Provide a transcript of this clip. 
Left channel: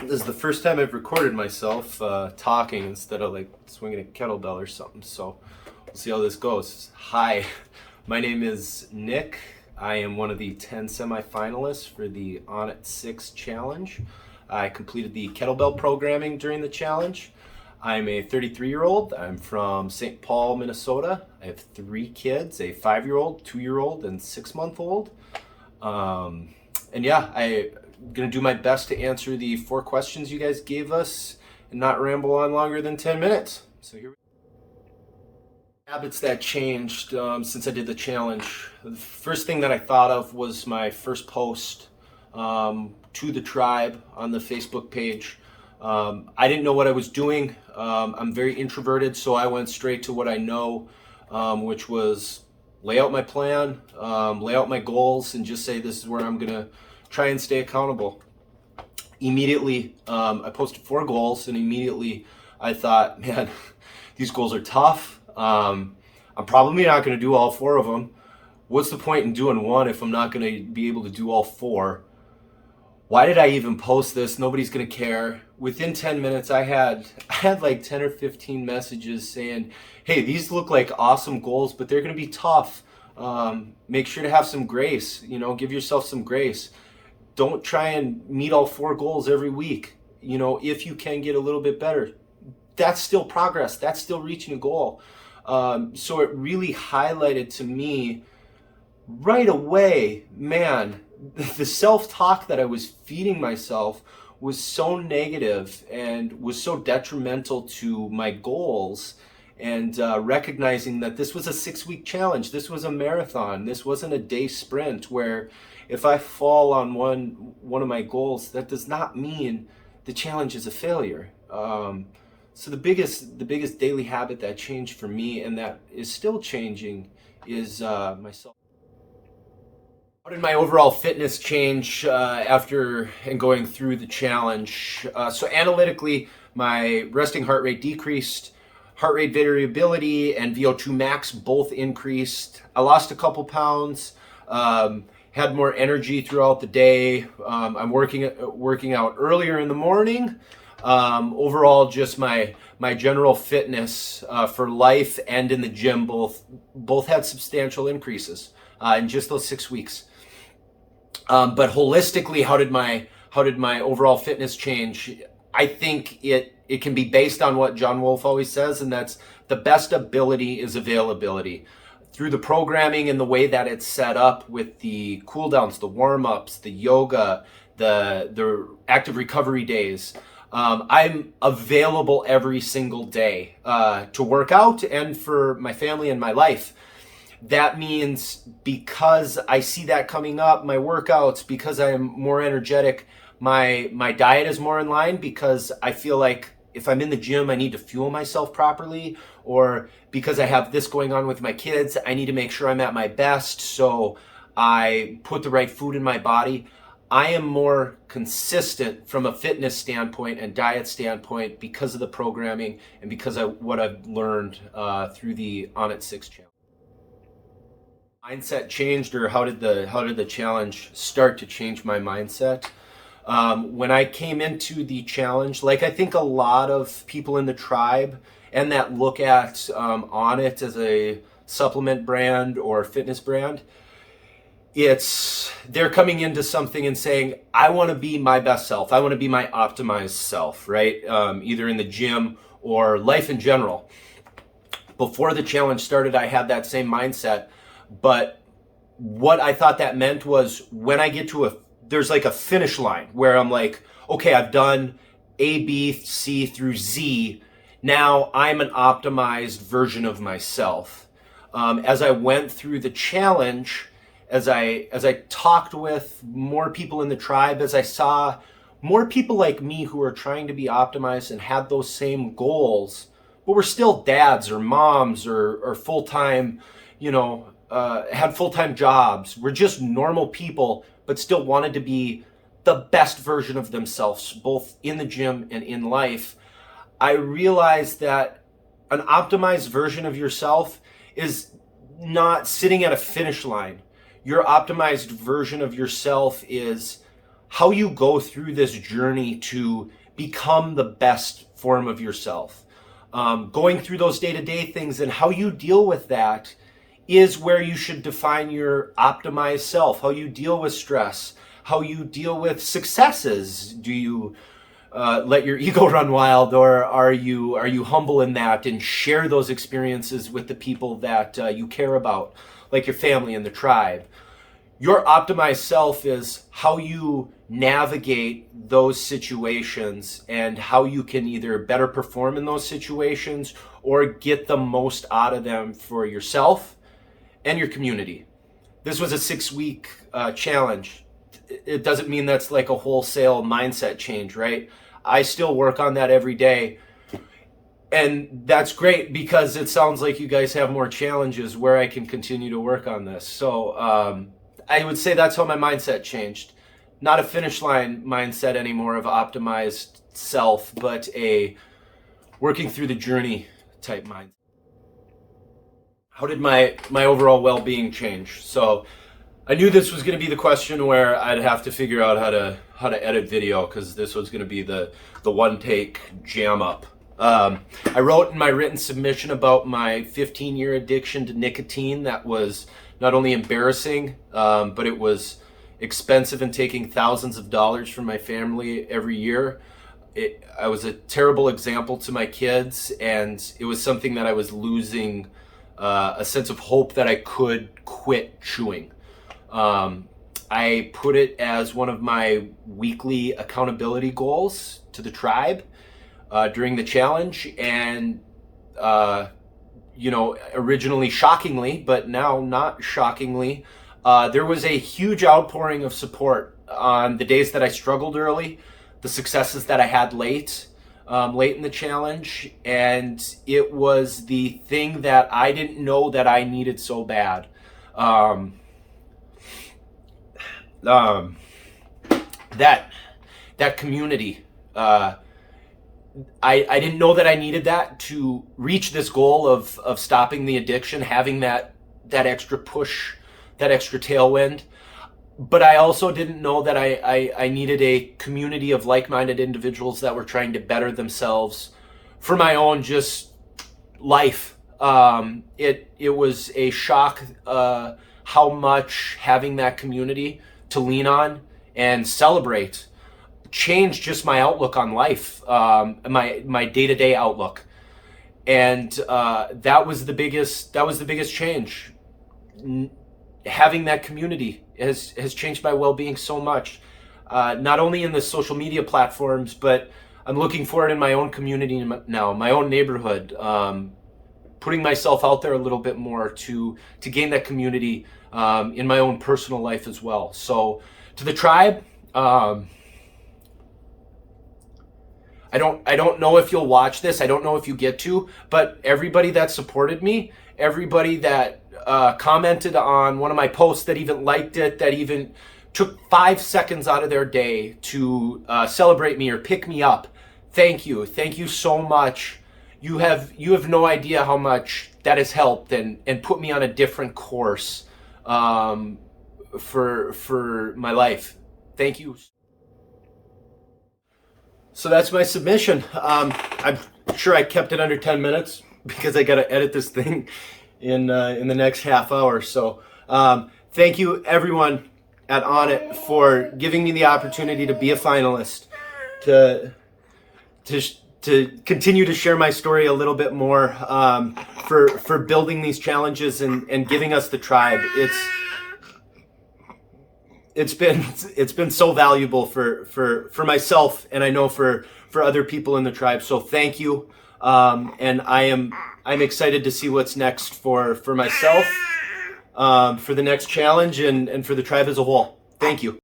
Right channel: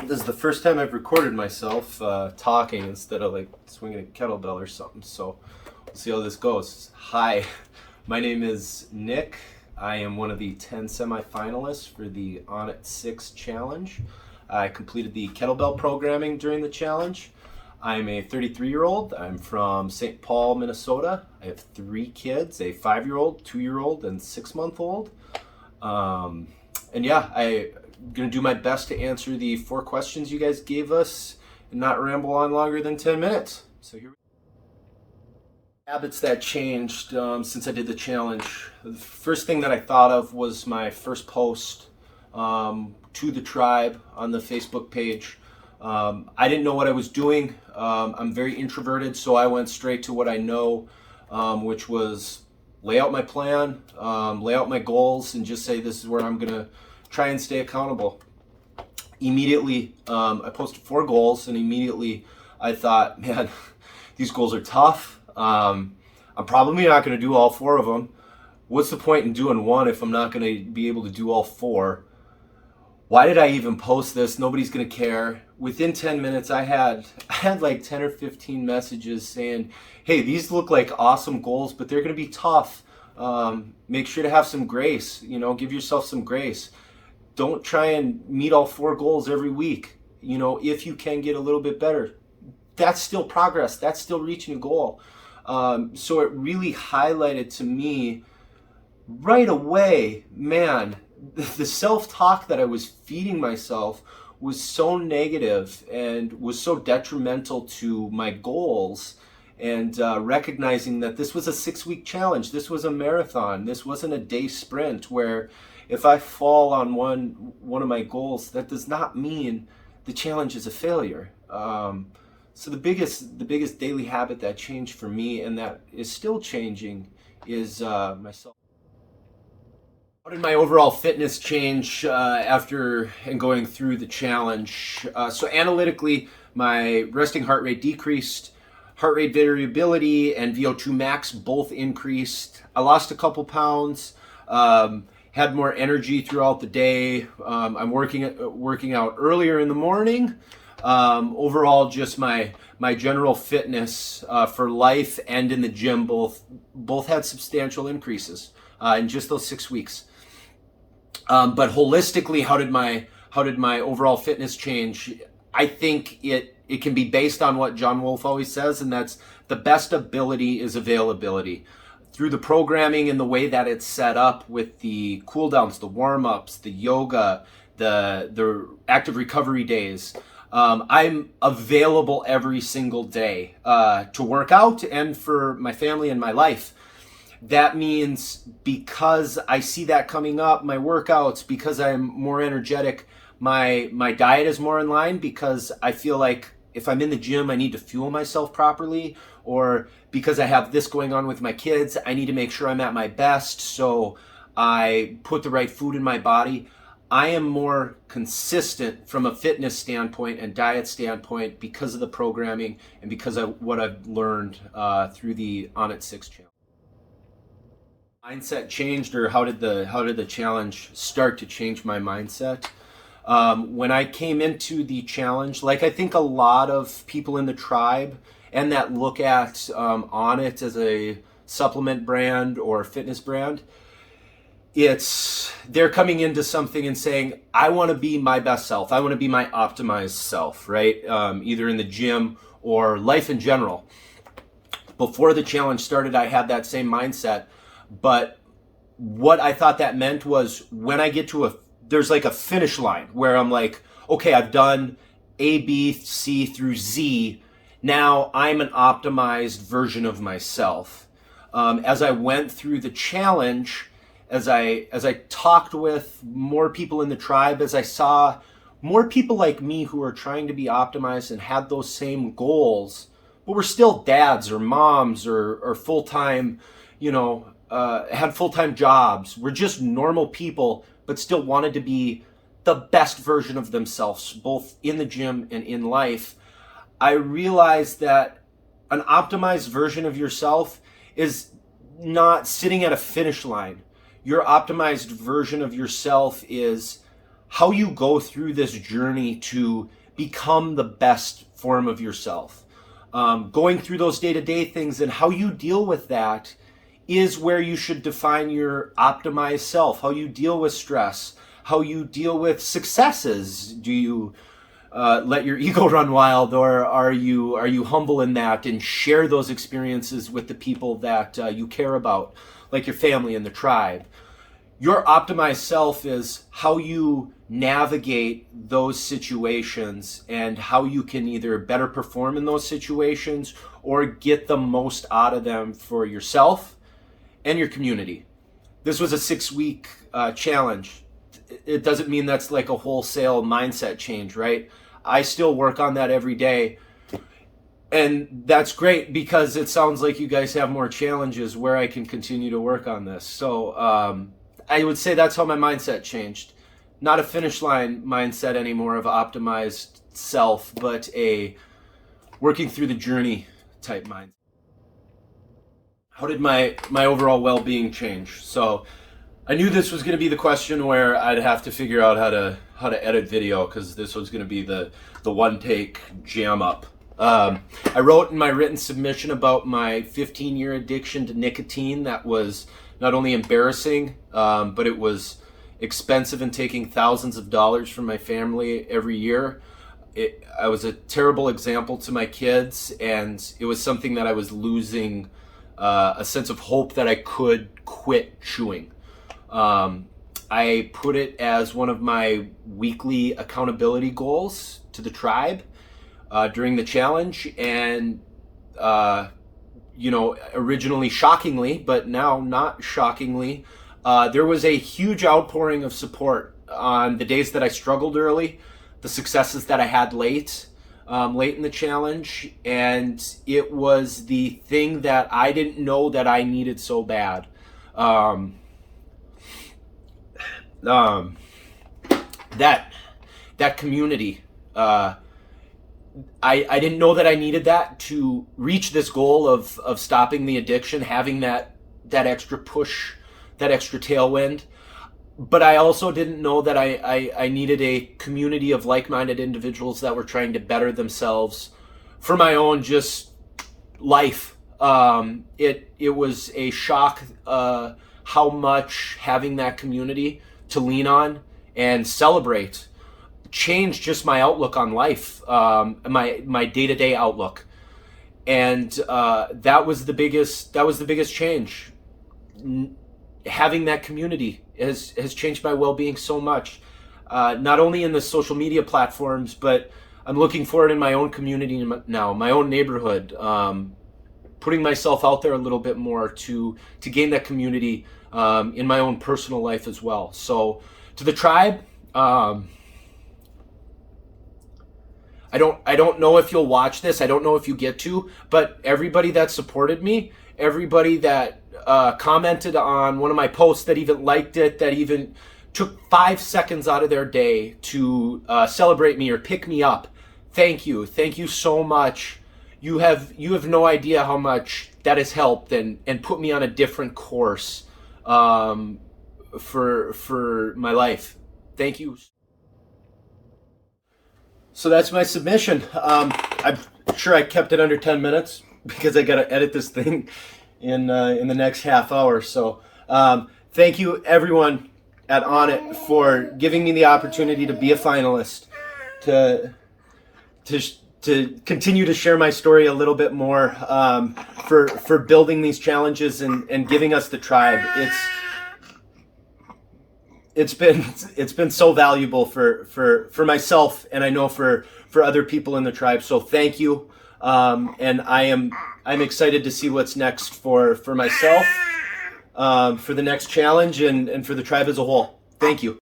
This is the first time I've recorded myself talking instead of like swinging a kettlebell or something. So we'll see how this goes. Hi, my name is Nick. I am one of the 10 semi-finalists for the Onnit 6 challenge. I completed the kettlebell programming during the challenge. I'm a 33-year-old. I'm from St. Paul, Minnesota. I have 3 kids, a 5-year-old, 2-year-old, and 6-month-old. And yeah, I'm gonna do my best to answer the 4 questions you guys gave us and not ramble on longer than 10 minutes. So here we go. Habits that changed since I did the challenge. The first thing that I thought of was my first post to the tribe on the Facebook page. I didn't know what I was doing. I'm very introverted, so I went straight to what I know, which was lay out my plan, lay out my goals, and just say this is where I'm gonna try and stay accountable. Immediately, I posted 4 goals, and immediately I thought, man, these goals are tough. I'm probably not gonna do all 4 of them. What's the point in doing one if I'm not gonna be able to do all 4? Why did I even post this? Nobody's gonna care. Within 10 minutes, I had like 10 or 15 messages saying, hey, these look like awesome goals, but they're gonna be tough. Make sure to have some grace, give yourself some grace. Don't try and meet all 4 goals every week. If you can get a little bit better, that's still progress. That's still reaching a goal. So it really highlighted to me right away, man, the self-talk that I was feeding myself was so negative and was so detrimental to my goals. And recognizing that this was a 6-week challenge, this was a marathon, this wasn't a day sprint where if I fall on one of my goals, that does not mean the challenge is a failure. So the biggest daily habit that changed for me and that is still changing is myself. How did my overall fitness change after and going through the challenge? So analytically, my resting heart rate decreased, heart rate variability and VO2 max both increased. I lost a couple pounds, had more energy throughout the day. I'm working out earlier in the morning. Overall, just my general fitness for life and in the gym both had substantial increases in just those 6 weeks. But holistically, how did my overall fitness change? I think it can be based on what John Wolfe always says, and that's the best ability is availability. Through the programming and the way that it's set up with the cool downs, the warm-ups, the yoga, the active recovery days, I'm available every single day to work out and for my family and my life. That means because I see that coming up, my workouts, because I'm more energetic, my diet is more in line, because I feel like if I'm in the gym, I need to fuel myself properly, or because I have this going on with my kids, I need to make sure I'm at my best, so I put the right food in my body. I am more consistent from a fitness standpoint and diet standpoint because of the programming and because of what I've learned through the Onnit 6 challenge. Mindset changed, or how did the challenge start to change my mindset? When I came into the challenge, like I think a lot of people in the tribe and that look at Onnit as a supplement brand or fitness brand, they're coming into something and saying, I want to be my best self. I want to be my optimized self, right? Either in the gym or life in general. Before the challenge started, I had that same mindset. But what I thought that meant was when I get to there's like a finish line where I'm like, okay, I've done A, B, C through Z. Now I'm an optimized version of myself. As I went through the challenge, as I talked with more people in the tribe, as I saw more people like me who are trying to be optimized and had those same goals, but were still dads or moms or full-time, had full-time jobs, were just normal people, but still wanted to be the best version of themselves, both in the gym and in life. I realized that an optimized version of yourself is not sitting at a finish line. Your optimized version of yourself is how you go through this journey to become the best form of yourself. Going through those day-to-day things and how you deal with that is where you should define your optimized self, how you deal with stress, how you deal with successes. Do you let your ego run wild, or are you humble in that and share those experiences with the people that you care about, like your family and the tribe? Your optimized self is how you navigate those situations and how you can either better perform in those situations or get the most out of them for yourself and your community. This was a 6-week challenge. It doesn't mean that's like a wholesale mindset change, right? I still work on that every day. And that's great because it sounds like you guys have more challenges where I can continue to work on this. So I would say that's how my mindset changed. Not a finish line mindset anymore of optimized self, but a working through the journey type mindset. How did my overall well-being change? So I knew this was going to be the question where I'd have to figure out how to edit video, because this was going to be the one take jam up. I wrote in my written submission about my 15-year addiction to nicotine. That was not only embarrassing, but it was expensive and taking thousands of dollars from my family every year. I was a terrible example to my kids, and it was something that I was losing a sense of hope that I could quit chewing. I put it as one of my weekly accountability goals to the tribe during the challenge, and originally shockingly, but now not shockingly, there was a huge outpouring of support on the days that I struggled early, the successes that I had late in the challenge, and it was the thing that I didn't know that I needed so bad. That community. I didn't know that I needed that to reach this goal of stopping the addiction, having that extra push, that extra tailwind. But I also didn't know that I needed a community of like-minded individuals that were trying to better themselves for my own just life. It was a shock how much having that community to lean on and celebrate changed just my outlook on life, my day-to-day outlook. And that was the biggest change. Having that community has changed my well-being so much, not only in the social media platforms, but I'm looking for it in my own community now, my own neighborhood, putting myself out there a little bit more to gain that community in my own personal life as well. So to the tribe, I don't know if you'll watch this. I don't know if you get to, but everybody that supported me, everybody that commented on one of my posts, that even liked it, that even took 5 seconds out of their day to celebrate me or pick me up. Thank you so much. You have no idea how much that has helped and put me on a different course for my life. Thank you. So that's my submission. I'm sure I kept it under 10 minutes because I got to edit this thing in the next half hour. So thank you everyone at Onnit for giving me the opportunity to be a finalist, to continue to share my story a little bit more, for building these challenges and giving us the tribe. It's been so valuable for myself, and I know for other people in the tribe. So thank you. And I'm excited to see what's next for myself, for the next challenge and for the tribe as a whole. Thank you.